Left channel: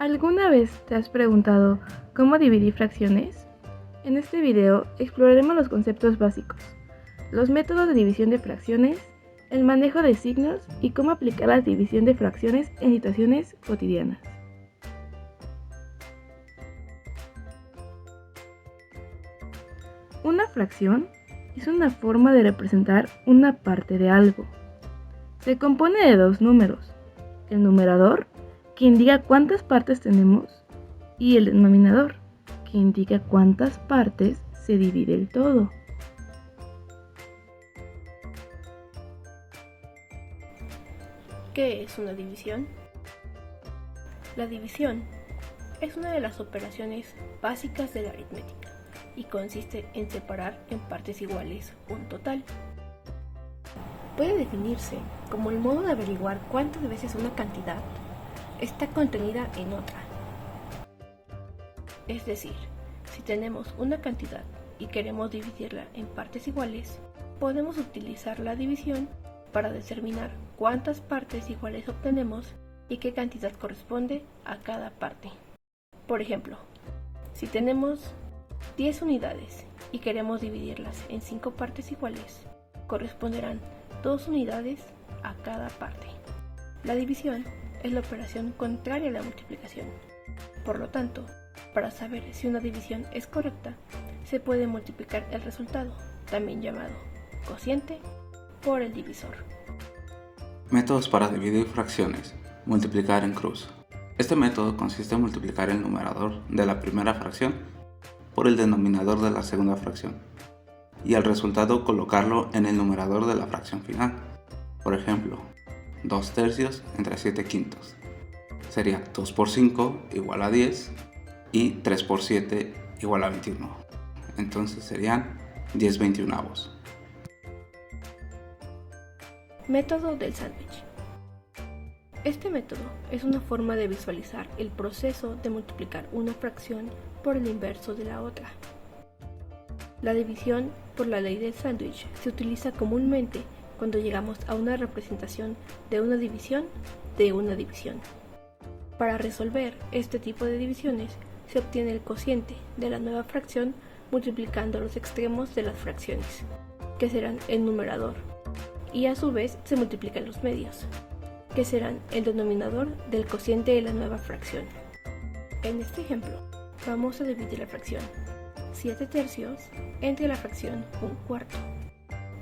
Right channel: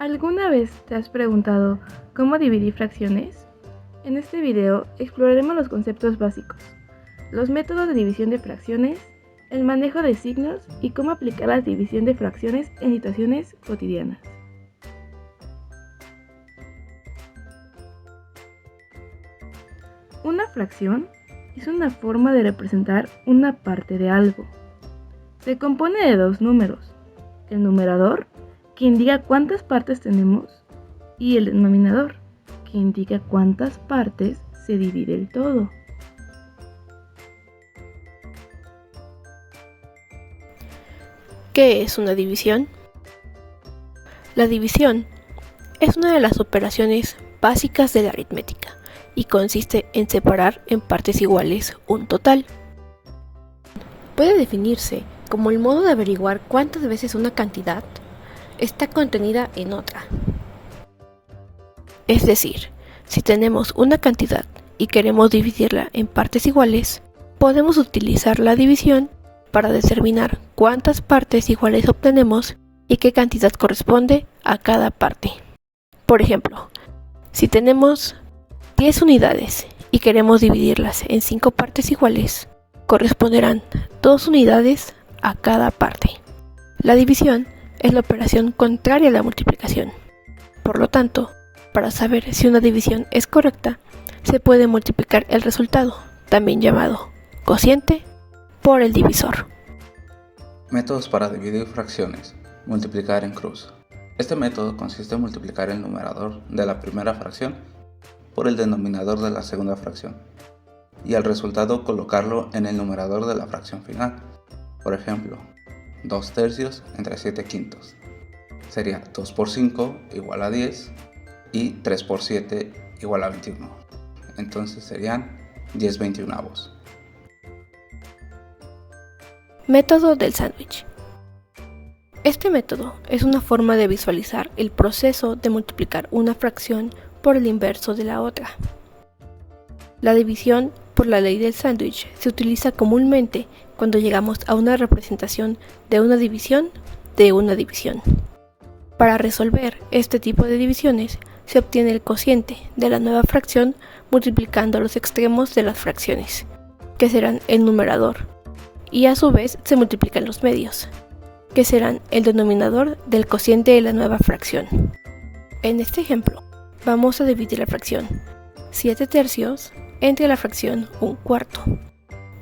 ¿Alguna vez te has preguntado cómo dividir fracciones? En este video exploraremos los conceptos básicos, los métodos de división de fracciones, el manejo de signos y cómo aplicar la división de fracciones en situaciones cotidianas. Una fracción es una forma de representar una parte de algo. Se compone de dos números, el numerador, que indica cuántas partes tenemos, y el denominador, que indica cuántas partes se divide el todo. ¿Qué es una división? La división es una de las operaciones básicas de la aritmética y consiste en separar en partes iguales un total. Puede definirse como el modo de averiguar cuántas veces una cantidad está contenida en otra. Es decir, si tenemos una cantidad y queremos dividirla en partes iguales, podemos utilizar la división para determinar cuántas partes iguales obtenemos y qué cantidad corresponde a cada parte. Por ejemplo, si tenemos 10 unidades y queremos dividirlas en 5 partes iguales, corresponderán 2 unidades a cada parte. La división es la operación contraria a la multiplicación. Por lo tanto, para saber si una división es correcta, se puede multiplicar el resultado, también llamado cociente, por el divisor. Métodos para dividir fracciones. Multiplicar en cruz. Este método consiste en multiplicar el numerador de la primera fracción por el denominador de la segunda fracción y el resultado colocarlo en el numerador de la fracción final. Por ejemplo, 2 tercios entre 7 quintos. Sería 2 por 5 igual a 10 y 3 por 7 igual a 21. Entonces serían 10 veintiunavos. Método del sándwich. Este método es una forma de visualizar el proceso de multiplicar una fracción por el inverso de la otra. La división por la ley del sándwich se utiliza comúnmente cuando llegamos a una representación de una división de una división. Para resolver este tipo de divisiones se obtiene el cociente de la nueva fracción multiplicando los extremos de las fracciones, que serán el numerador, y a su vez se multiplican los medios, que serán el denominador del cociente de la nueva fracción. En este ejemplo, vamos a dividir la fracción 7 tercios entre la fracción 1/4.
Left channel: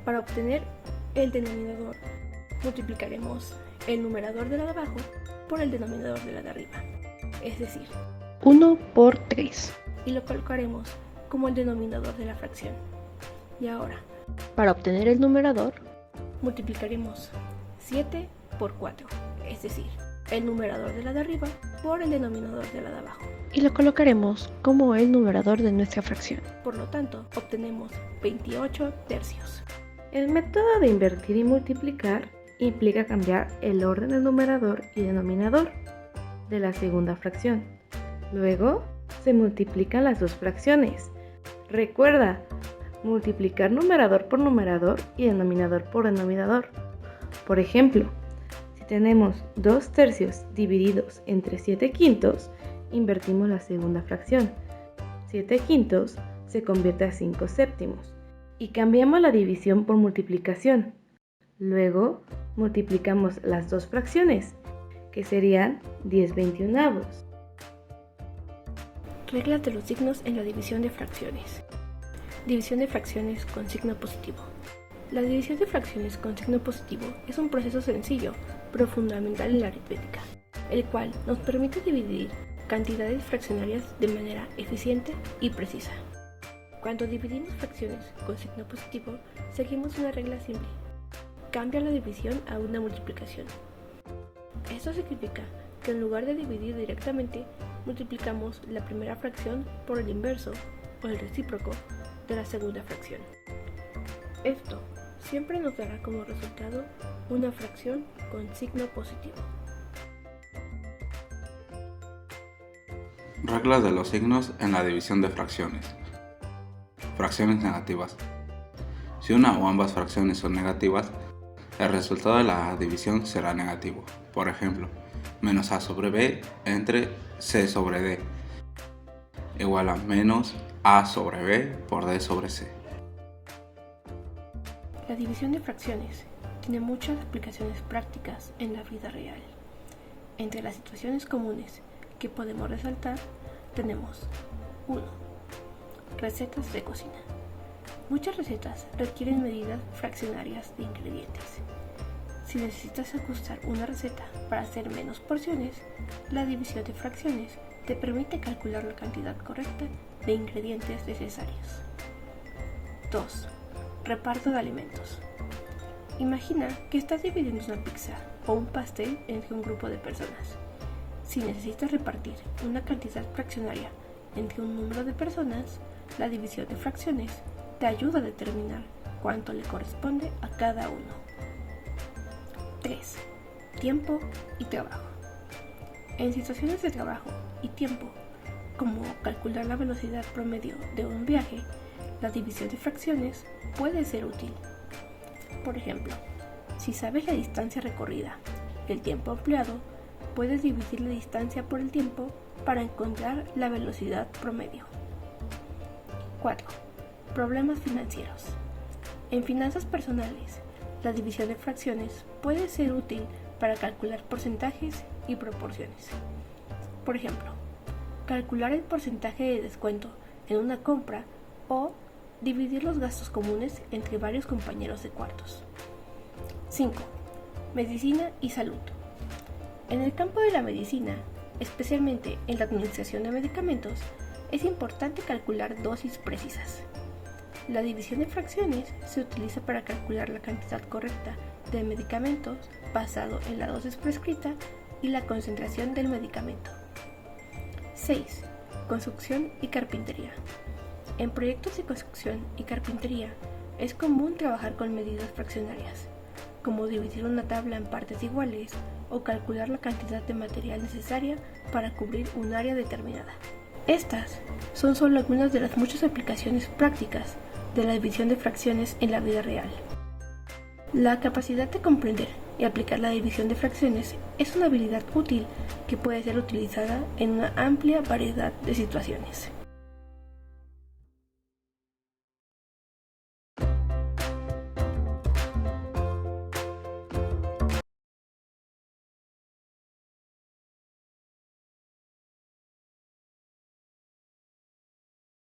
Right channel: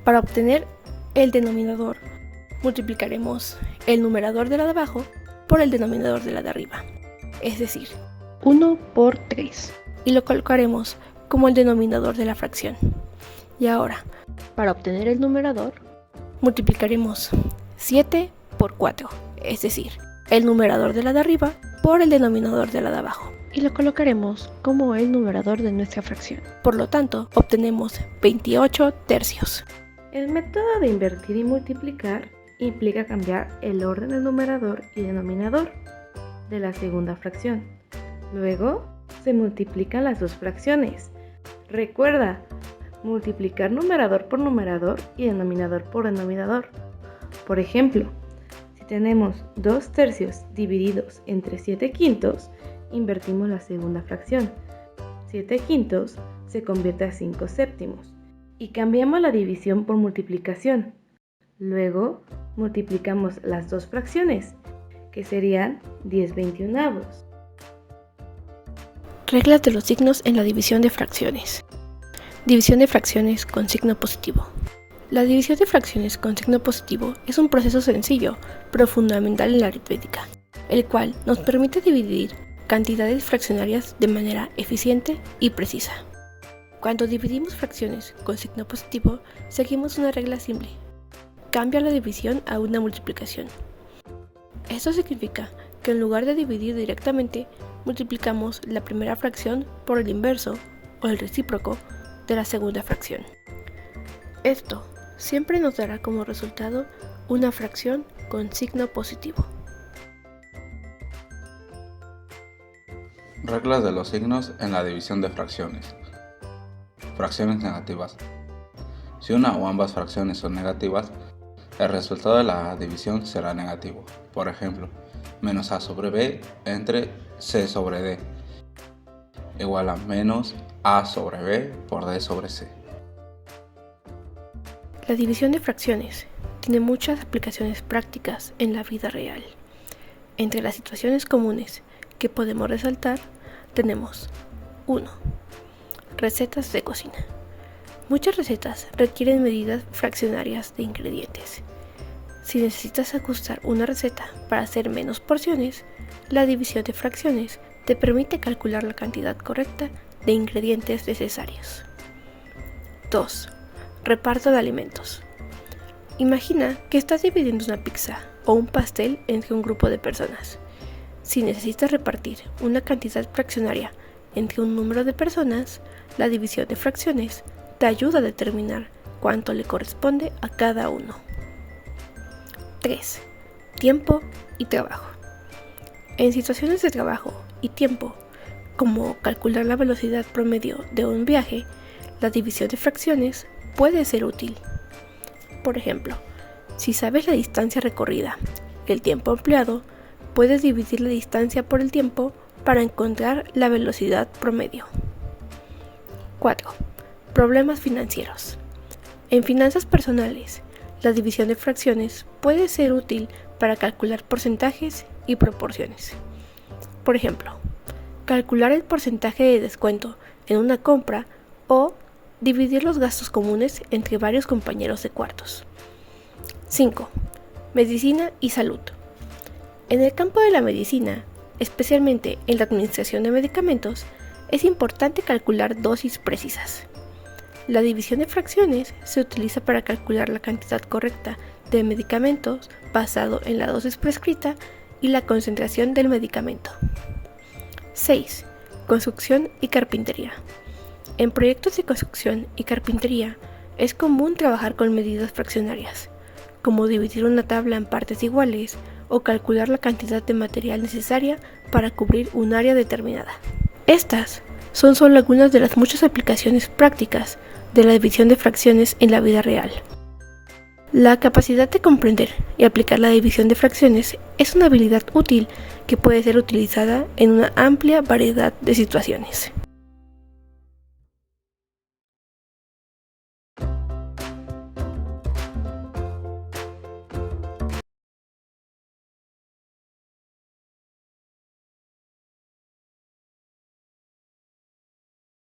Para obtener el denominador, multiplicaremos el numerador de la de abajo por el denominador de la de arriba, es decir, 1 por 3, y lo colocaremos como el denominador de la fracción. Y ahora, para obtener el numerador, multiplicaremos 7 por 4, es decir, el numerador de la de arriba por el denominador de la de abajo, y lo colocaremos como el numerador de nuestra fracción. Por lo tanto, obtenemos 28 tercios. El método de invertir y multiplicar implica cambiar el orden del numerador y denominador de la segunda fracción. Luego, se multiplican las dos fracciones. Recuerda, multiplicar numerador por numerador y denominador por denominador. Por ejemplo, si tenemos 2 tercios divididos entre 7 quintos, invertimos la segunda fracción. 7 quintos se convierte a 5 séptimos y cambiamos la división por multiplicación. Luego, multiplicamos las dos fracciones, que serían 10 veintiunavos. Reglas de los signos en la división de fracciones. División de fracciones con signo positivo. La división de fracciones con signo positivo es un proceso sencillo, pero fundamental en la aritmética, el cual nos permite dividir cantidades fraccionarias de manera eficiente y precisa. Cuando dividimos fracciones con signo positivo, seguimos una regla simple. Cambia la división a una multiplicación. Esto significa que en lugar de dividir directamente, multiplicamos la primera fracción por el inverso o el recíproco de la segunda fracción. Esto siempre nos dará como resultado una fracción con signo positivo. Reglas de los signos en la división de fracciones. Fracciones negativas. Si una o ambas fracciones son negativas, el resultado de la división será negativo. Por ejemplo, menos a sobre b entre c sobre d igual a menos a sobre b por d sobre c. La división de fracciones tiene muchas aplicaciones prácticas en la vida real. Entre las situaciones comunes que podemos resaltar tenemos 1. Recetas de cocina. Muchas recetas requieren medidas fraccionarias de ingredientes. Si necesitas ajustar una receta para hacer menos porciones, la división de fracciones te permite calcular la cantidad correcta de ingredientes necesarios. 2. Reparto de alimentos. Imagina que estás dividiendo una pizza o un pastel entre un grupo de personas. Si necesitas repartir una cantidad fraccionaria entre un número de personas, la división de fracciones te ayuda a determinar cuánto le corresponde a cada uno. 3. Tiempo y trabajo. En situaciones de trabajo y tiempo, como calcular la velocidad promedio de un viaje, la división de fracciones puede ser útil. Por ejemplo, si sabes la distancia recorrida y el tiempo empleado, puedes dividir la distancia por el tiempo para encontrar la velocidad promedio. 4. Problemas financieros. En finanzas personales, la división de fracciones puede ser útil para calcular porcentajes y proporciones. Por ejemplo, calcular el porcentaje de descuento en una compra o dividir los gastos comunes entre varios compañeros de cuartos. 5. Medicina y salud. En el campo de la medicina, especialmente en la administración de medicamentos, es importante calcular dosis precisas. La división de fracciones se utiliza para calcular la cantidad correcta de medicamentos basado en la dosis prescrita y la concentración del medicamento. 6. Construcción y carpintería. En proyectos de construcción y carpintería es común trabajar con medidas fraccionarias, como dividir una tabla en partes iguales o calcular la cantidad de material necesaria para cubrir un área determinada. Estas son solo algunas de las muchas aplicaciones prácticas de la división de fracciones en la vida real. La capacidad de comprender y aplicar la división de fracciones es una habilidad útil que puede ser utilizada en una amplia variedad de situaciones.